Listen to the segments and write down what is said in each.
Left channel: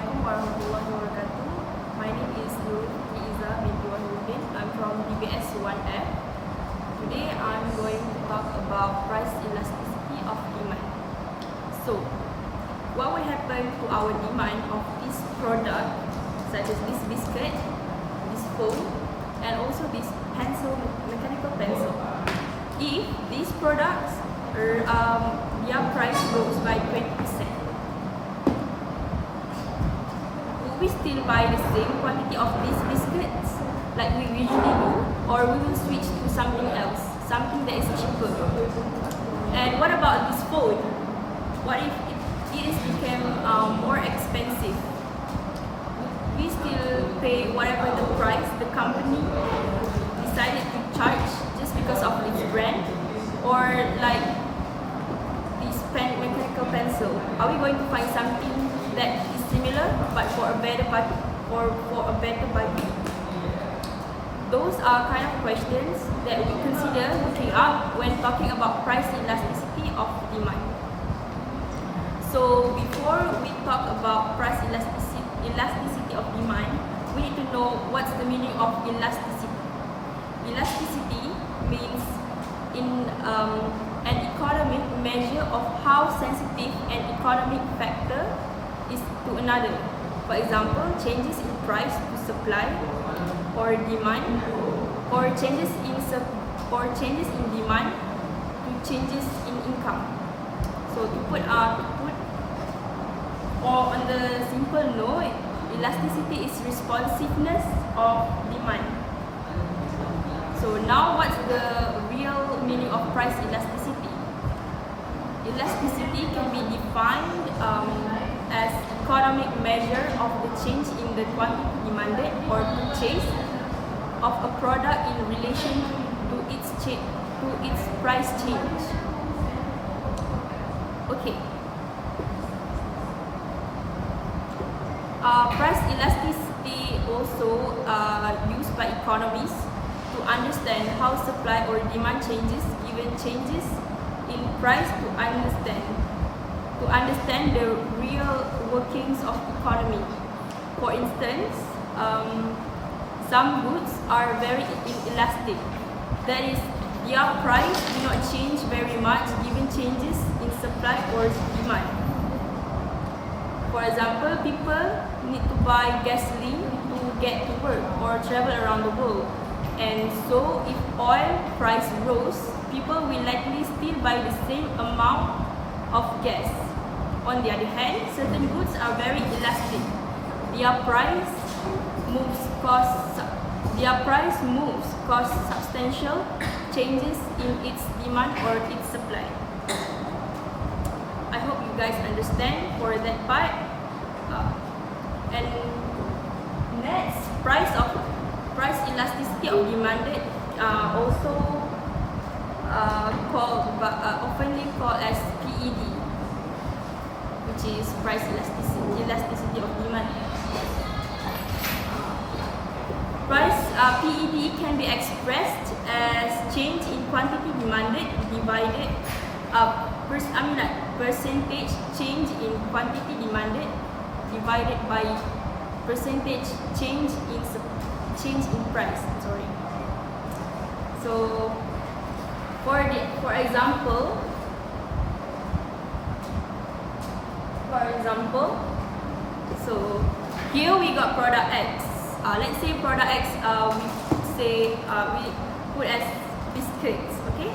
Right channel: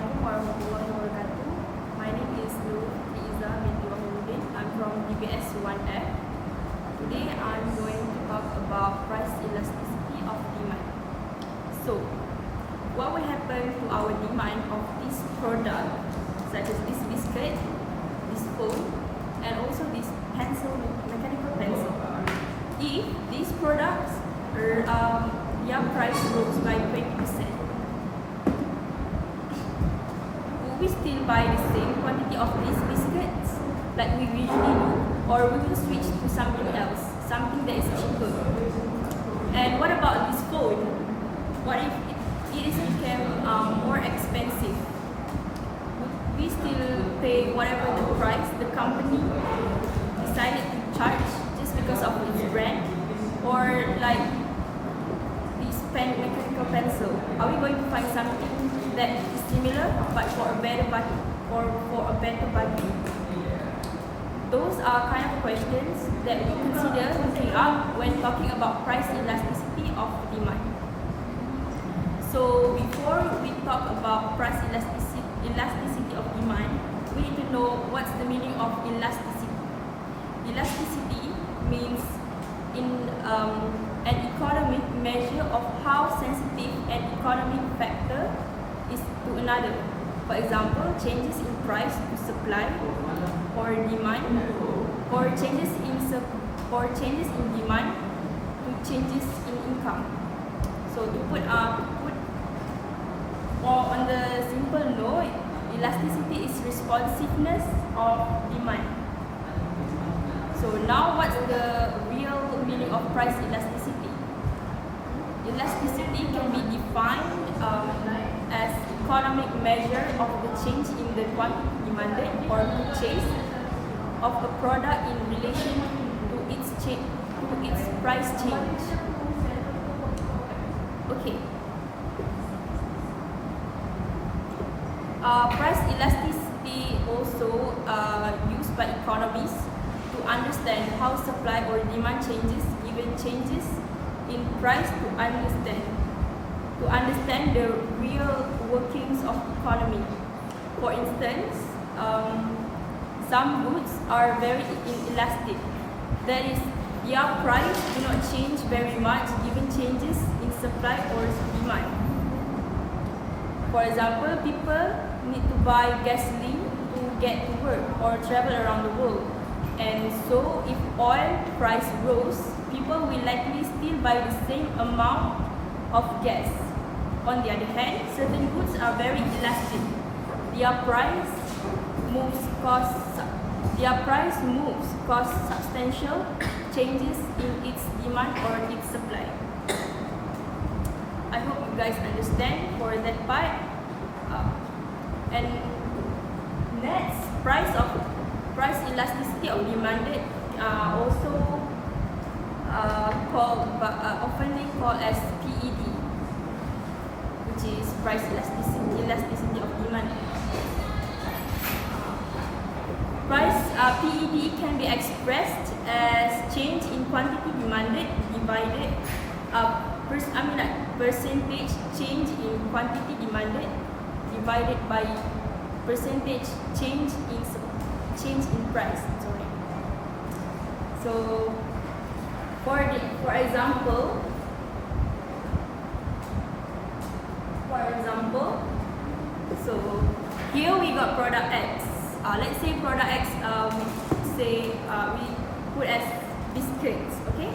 Assalamualaikum warahmatullahi wabarakatuh. My name is Nur Iza binti Wahiruddin. I'm from DBS 1F. Today I'm going to talk about price elasticity of demand. So, what will happen to our demand of this product, such as this biscuit, this phone, and also this pencil, mechanical pencil, if these products their price rose by 20%? We still buy the same quantity of these biscuits like we usually do, or we will switch to something else, something that is cheaper? And what about this phone? What if it is became more expensive? Would we still pay whatever the price the company decided to charge just because of its brand? Or like this mechanical pencil, are we going to find something that is similar but for a better budget, or for a better budget? Those are kind of questions that we consider looking up when talking about price elasticity of demand. So before we talk about price elasticity of demand, we need to know what's the meaning of elasticity. Elasticity means an economic measure of how sensitive an economic factor is to another. For example, changes in price to supply or demand, or changes in demand to changes in income. So to put or on the simple note, elasticity is responsiveness of demand. So now what's the real meaning of price elasticity? Elasticity can be defined as economic measure of the change in the quantity demanded or purchased of a product in relation to its price change. Okay. Price elasticity also used by economists to understand how supply or demand changes given changes in price, to understand the real workings of economy. For instance, some goods are very inelastic. That is, their price do not change very much given changes in supply or demand. For example, people need to buy gasoline to get to work or travel around the world. And so if oil price rose, people will likely still buy the same amount of gas. On the other hand, certain goods are very elastic. Their price moves cause substantial changes in its demand or its supply. I hope you guys understand for that part. And next, price elasticity of demanded also oftenly called as PED, which is price elasticity of demand. PED can be expressed as change in quantity demanded divided percentage change in quantity demanded divided by percentage change in price. So for example, so here we got product X. Let's say product X, we put as biscuits, okay?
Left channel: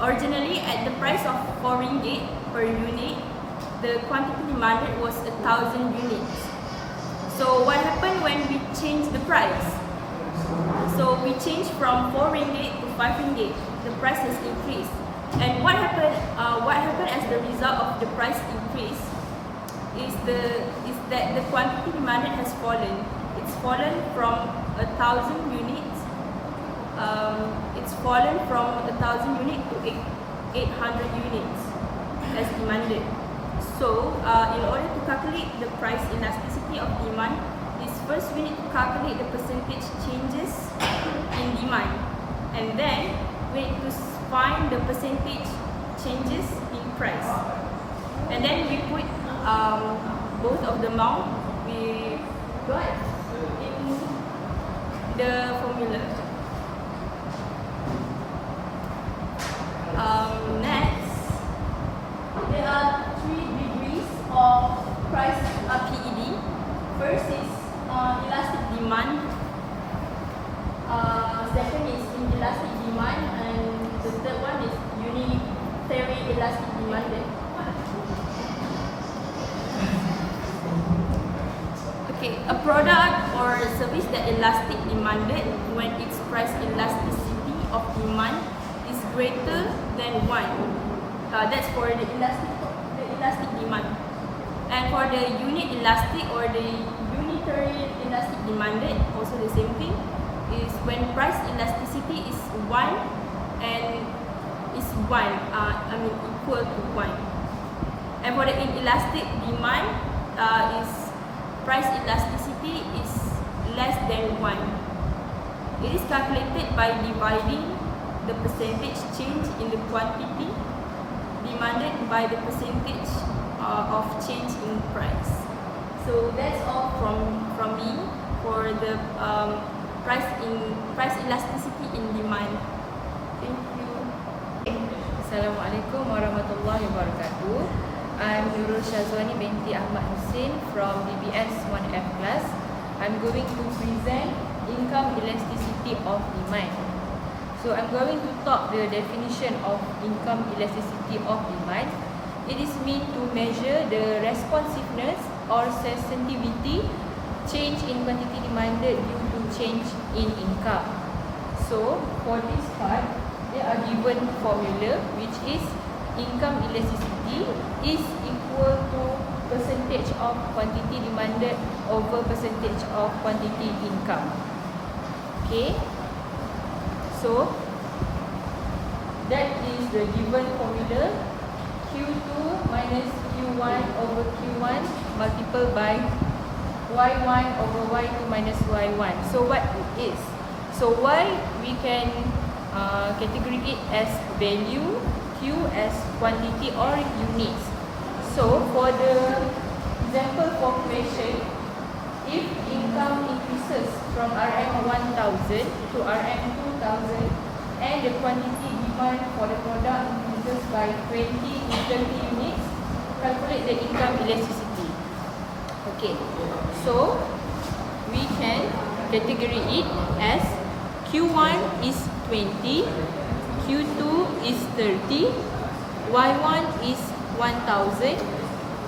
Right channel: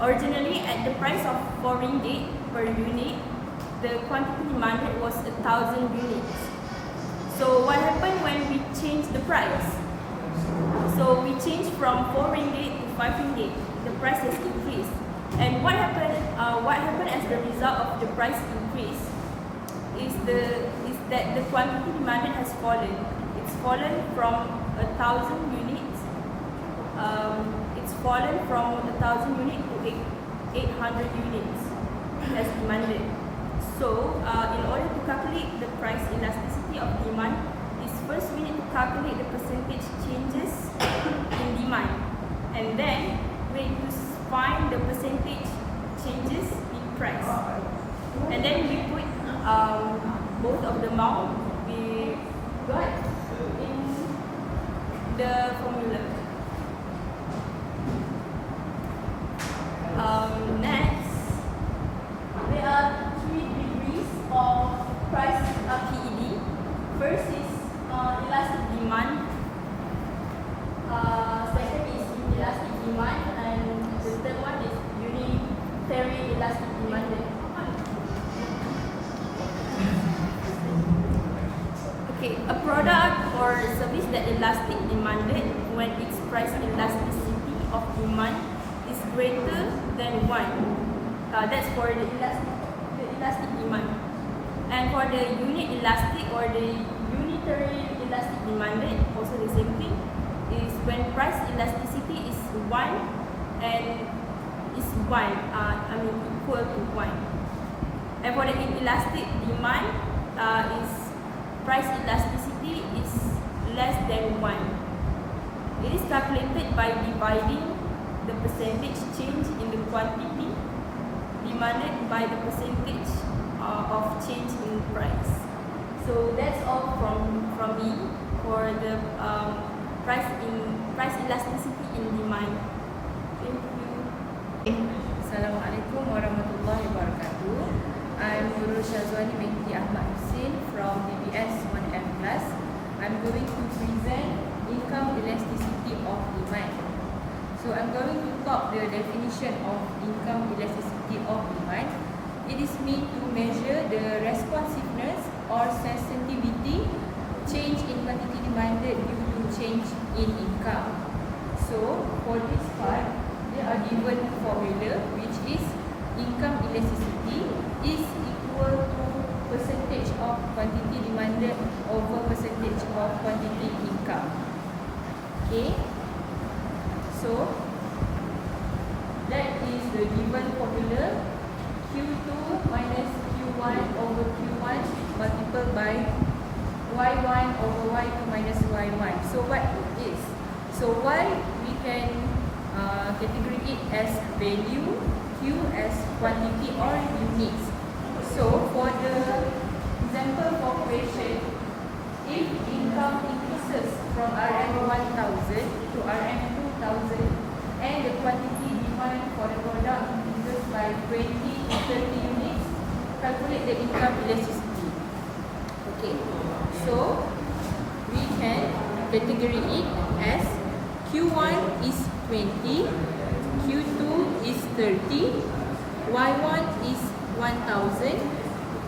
Originally at the price of 4 ringgit per unit, the quantity demanded was 1,000 units. So what happened when we changed the price? So we changed from 4 ringgit to 5 ringgit. The price has increased. And what happened as the result of the price increase is that the quantity demanded has fallen. It's fallen from 1,000 units. It's fallen from 1,000 units to 800 units as demanded. So, in order to calculate the price elasticity of demand, is first we need to calculate the percentage changes in demand, and then we need to find the percentage changes in price, and then we put both of the amount we got in the formula. Next, there are 3 degrees of price PED. First is elastic demand. Second is inelastic demand, and the third one is unitary elastic demand. Okay, a product or service that elastic demanded when its price elasticity of demand is greater than 1. That's for the elastic demand. And for the unit elastic or the unitary elastic demanded, also the same thing, is when price elasticity is 1 and is equal to 1. And for the inelastic demand, is price elasticity is less than 1. It is calculated by dividing the percentage change in the quantity demanded by the percentage of change in price. So that's all from me for the price elasticity in demand. Thank you. Assalamualaikum warahmatullahi wabarakatuh. I'm Nurul Syazwani binti Ahmad Hussein from DBS 1F class. I'm going to present income elasticity of demand. So I'm going to talk the definition of income elasticity of demand. It is meant to measure the responsiveness or sensitivity change in quantity demanded due to change in income. So for this part, there are given formula which is income elasticity is equal to percentage of quantity demanded over percentage of quantity income. Okay, so that is the given formula, Q2 minus Q1 over Q1 multiplied by Y1 over Y2 minus Y1. So what it is? So Y we can categorize it as value, Q as quantity or units. So for the example for question, if income increases from RM1000 to RM2000 and the quantity demand for the product increases by 20 to 30 units, calculate the income elasticity. Okay, so we can categorize it as Q1 is 20, Q2 is 30, Y1 is 1000,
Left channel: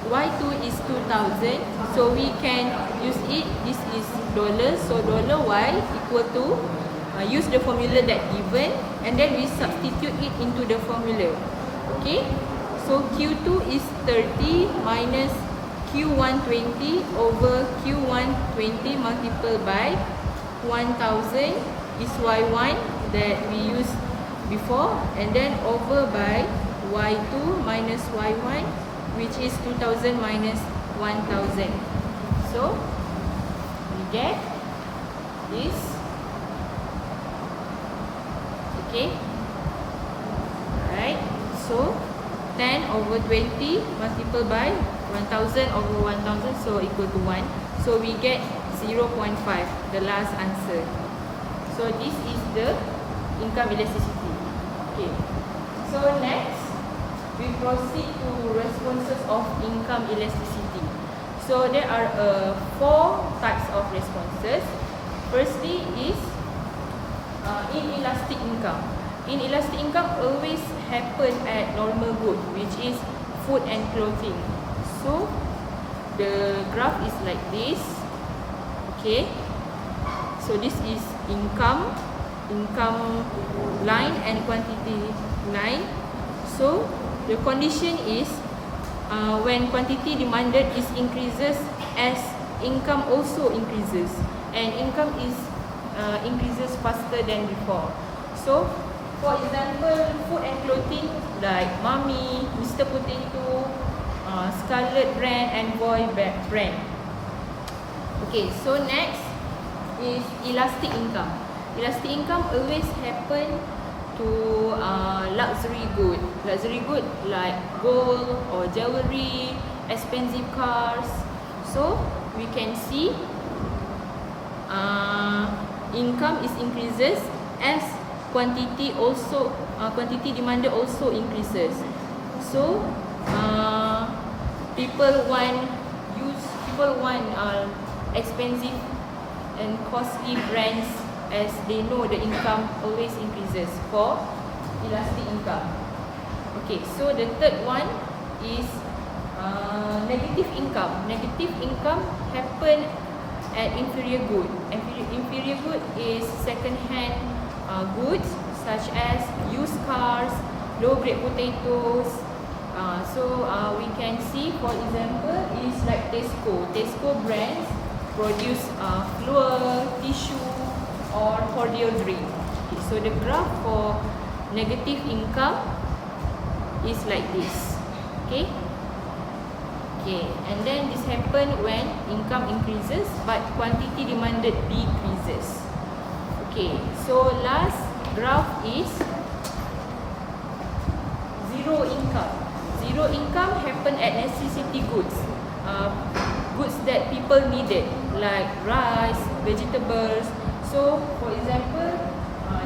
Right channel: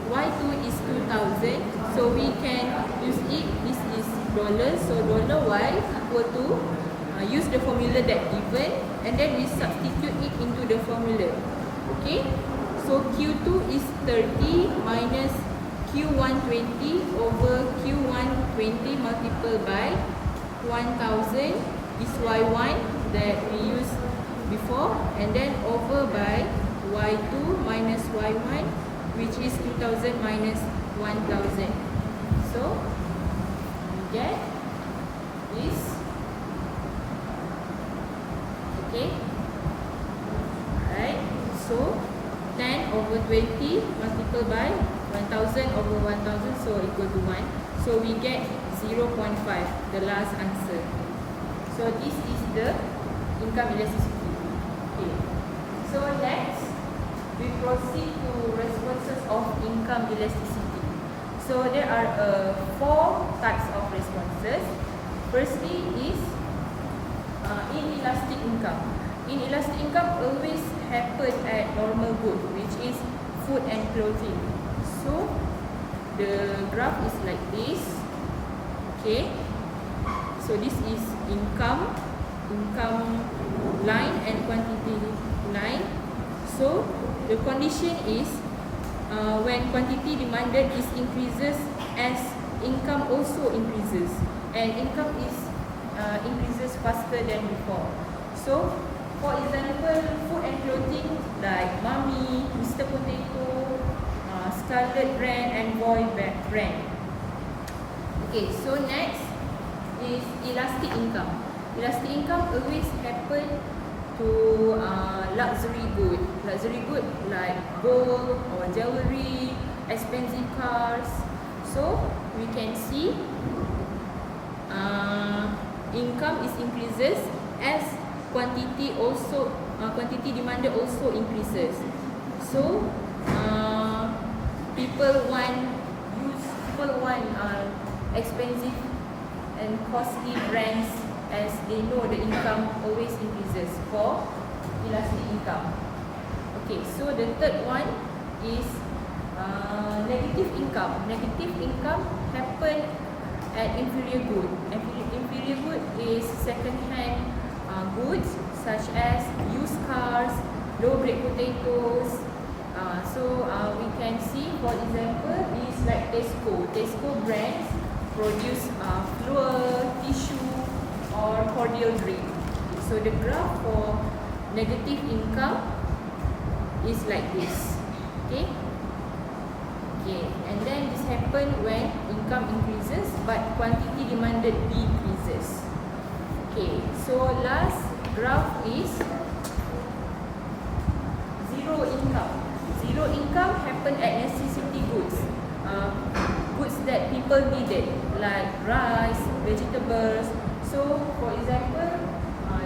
Y2 is 2000. So we can use it, this is dollars, so dollar Y equal to use the formula that given and then we substitute it into the formula. Okay, so Q2 is 30 minus Q120 over Q120 multiplied by 1000 is Y1 that we used before, and then over by Y2 minus Y1, which is 2000 minus 1000. So we get this. Okay, right, so 10 over 20 multiplied by 1000 over 1000, so equal to 1. So we get 0.5, the last answer. So this is the income elasticity. Okay, so next we proceed to responses of income elasticity. So there are 4 types of responses. Firstly is inelastic income. Inelastic income always happen at normal good, which is food and clothing. So the graph is like this. Okay, so this is income line and quantity line. So the condition is when quantity demanded is increases as income also increases, and income is increases faster than before. So for example, food and clothing like Mummy, Mr. Potato, Scarlet brand and Boy brand. Okay, so next is elastic income. Elastic income always happen to luxury good like gold or jewelry, expensive cars. So we can see income is increases as quantity demanded also increases. So people want expensive and costly brands, as they know the income always increases for elastic income. Okay, so the third one is negative income. Negative income happen at inferior good. Inferior good is second-hand goods such as used cars, low-grade potatoes. So we can see, for example, is like Tesco. Tesco brands produce flour, tissue, or cordial drink. Okay, so the graph for negative income is like this. Okay. Okay, and then this happen when income increases but quantity demanded decreases. Okay, so last graph is zero income. Zero income happen at necessity goods, goods that people needed, like rice, vegetables. So for example,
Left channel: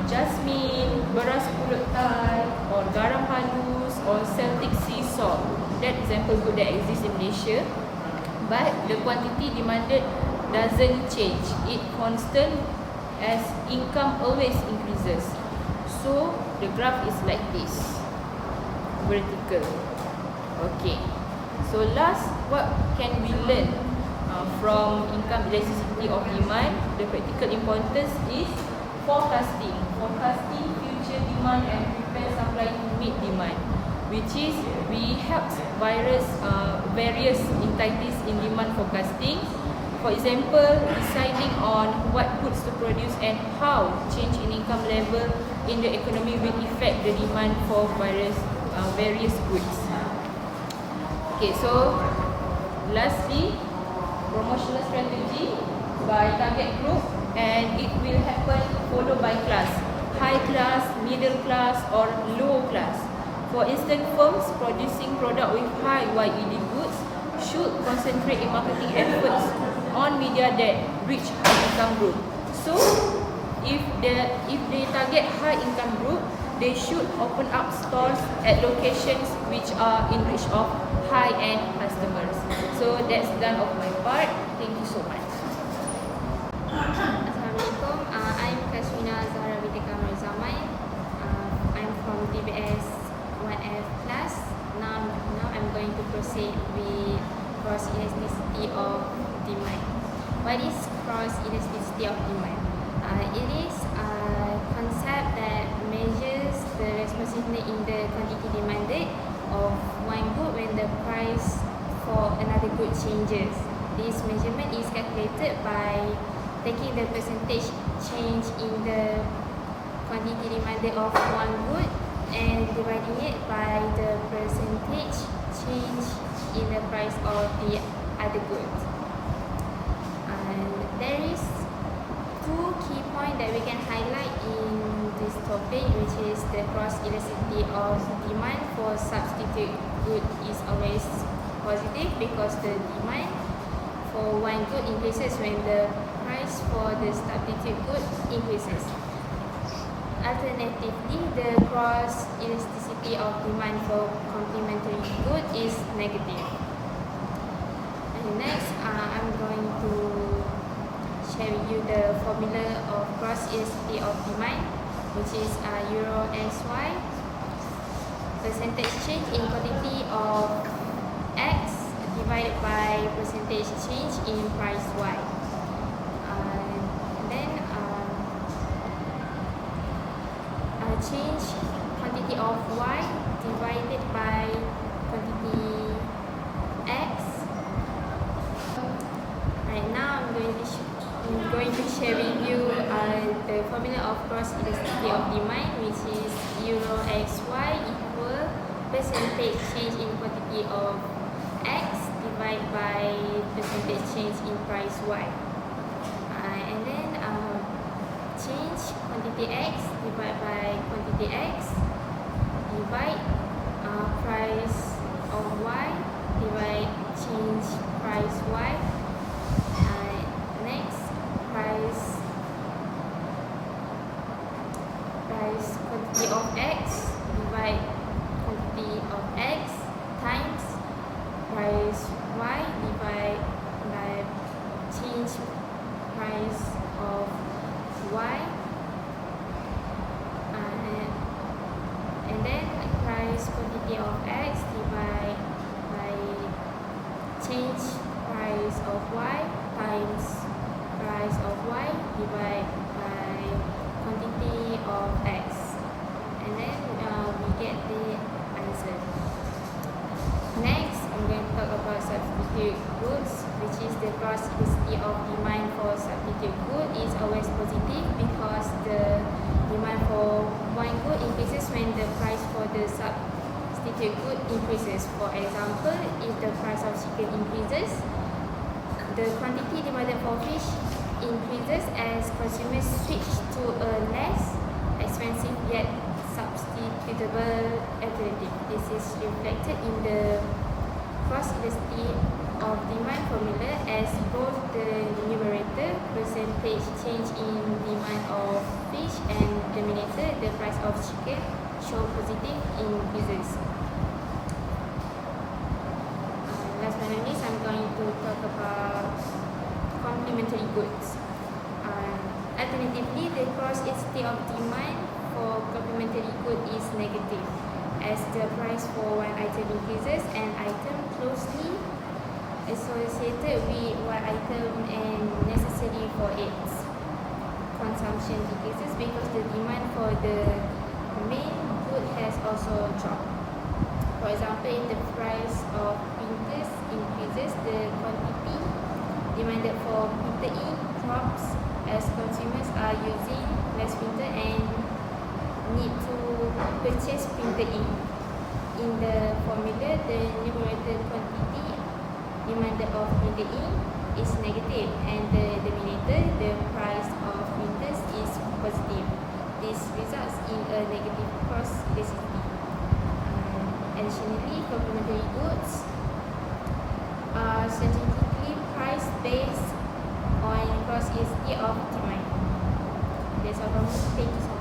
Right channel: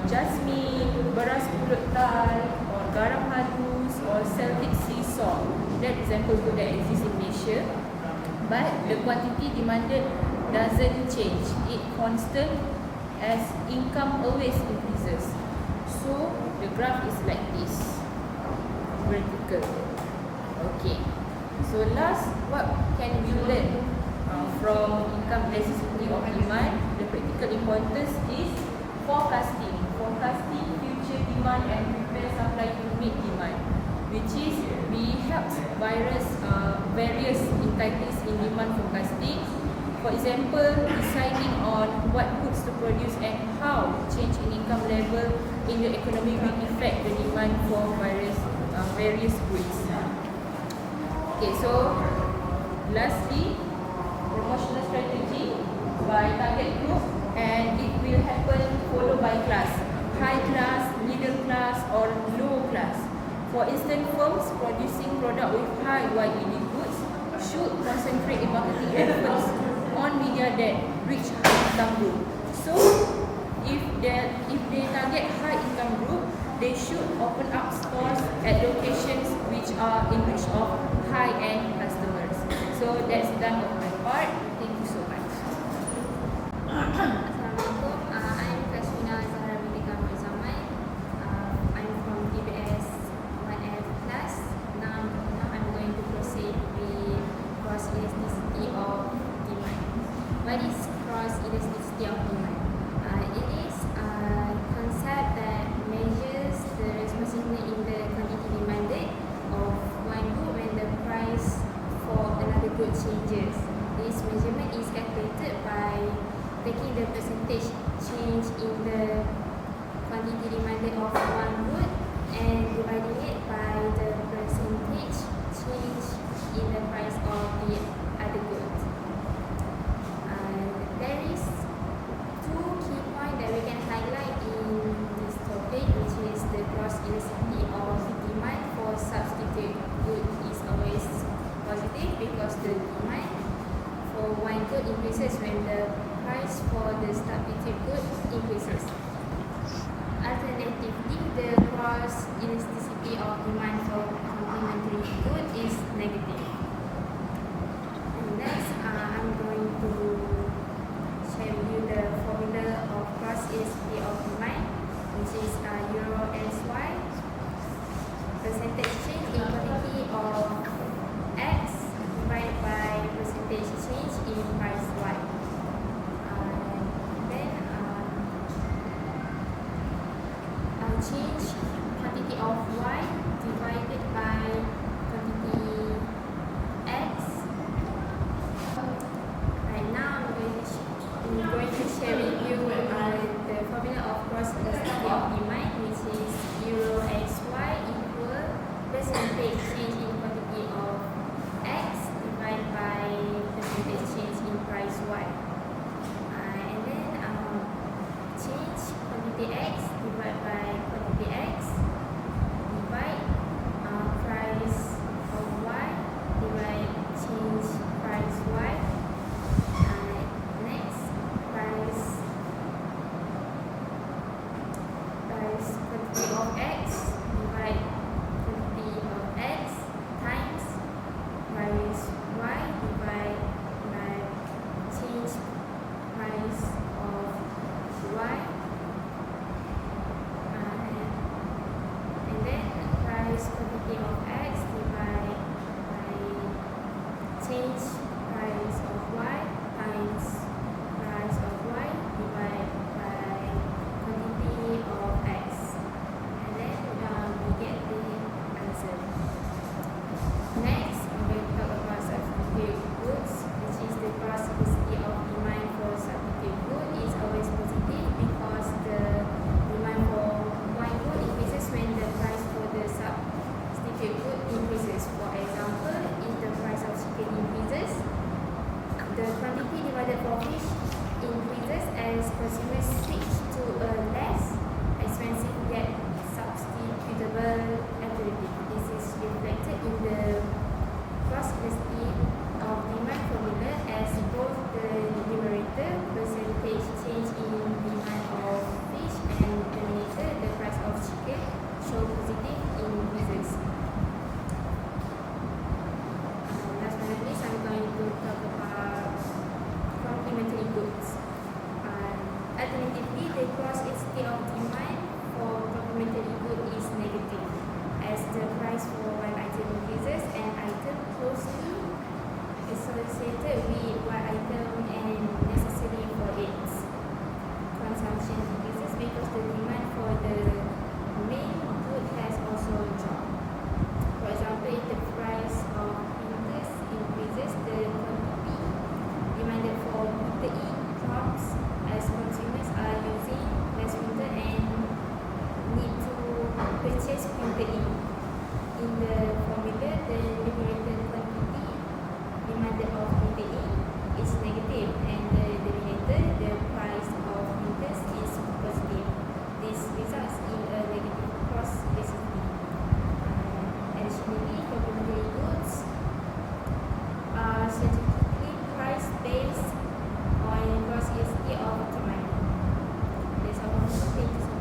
jasmine, beras pulut Thai, or garam halus, or Celtic sea salt. That example good that exists in Malaysia, but the quantity demanded doesn't change. It constant as income always increases. So the graph is like this, vertical. Okay. So last, what can we learn from income elasticity of demand? The practical importance is forecasting. Forecasting future demand and prepare supply to meet demand, which is we help various entities in demand forecasting. For example, deciding on what goods to produce and how change in income level in the economy will affect the demand for various goods. Okay, so lastly, promotional strategy by target group, and it will happen followed by class: high class, middle class, or low class. For instance, firms producing product with high YED goods should concentrate in marketing efforts on media that reach high income group. So, if they target high income group, they should open up stores at locations which are in reach of high-end customers. So that's done of my part. Thank you so much. Assalamualaikum. I'm Kaswina Zahra binti Kamil Zaman. I'm from DBS 1F class. Now I'm going to proceed with cross elasticity of demand. What is cross elasticity of demand? It is a concept that measures the responsiveness in the quantity demanded of one good when the price for another good changes. This measurement is calculated by taking the percentage change in the quantity demanded of one good and dividing it by the percentage change in the price of the other good. And there is two key points that we can highlight in this topic, which is the cross elasticity of demand for substitute good is always positive because the demand for one good increases when the price for the substitute good increases. Alternatively, the cross elasticity of demand for complementary good is negative. And next, I'm going to share with you the formula of cross elasticity of demand, which is Euro SY, percentage change in quantity of X divided by percentage change in price Y. Then change quantity of Y divided by quantity X. Right now I'm going to share with you the formula of cross elasticity of demand, which is Euro XY equal percentage change in quantity of X divided by percentage change in price Y. And then change quantity X divided by quantity X divide price of Y divide change price Y of X divide quantity of X times price Y divide by change price of Y, and then price quantity of X divide by change price of Y times price of Y divide by quantity of X, and then we get the answer. Next, I'm going to talk about substitute goods, which is the cross elasticity of demand for substitute good is always positive because the demand for one good increases when the price for the substitute good increases. For example, if the price of chicken increases, the quantity demanded for fish increases as consumers switch to a less expensive yet substitutable alternative. This is reflected in the cross elasticity of demand formula as both the numerator percentage change in demand of fish and denominator the price of chicken show positive increases. Last but not least, I'm going to talk about complementary goods. Alternatively, the cross elasticity of demand for complementary good is negative as the price for one item increases and item closely associated with one item and necessary for its consumption decreases because the demand for the main good has also dropped. For example, if the price of printers increases, the quantity demanded for printer ink drops as consumers are using less printer and need to purchase printer ink. In the formula, the numerator quantity demanded of printer ink is negative and the denominator, the price of printers, is positive. This results in a negative cross elasticity. Additionally, complementary goods are strategically priced based on cross elasticity of demand. That's all from me. Thank you so much.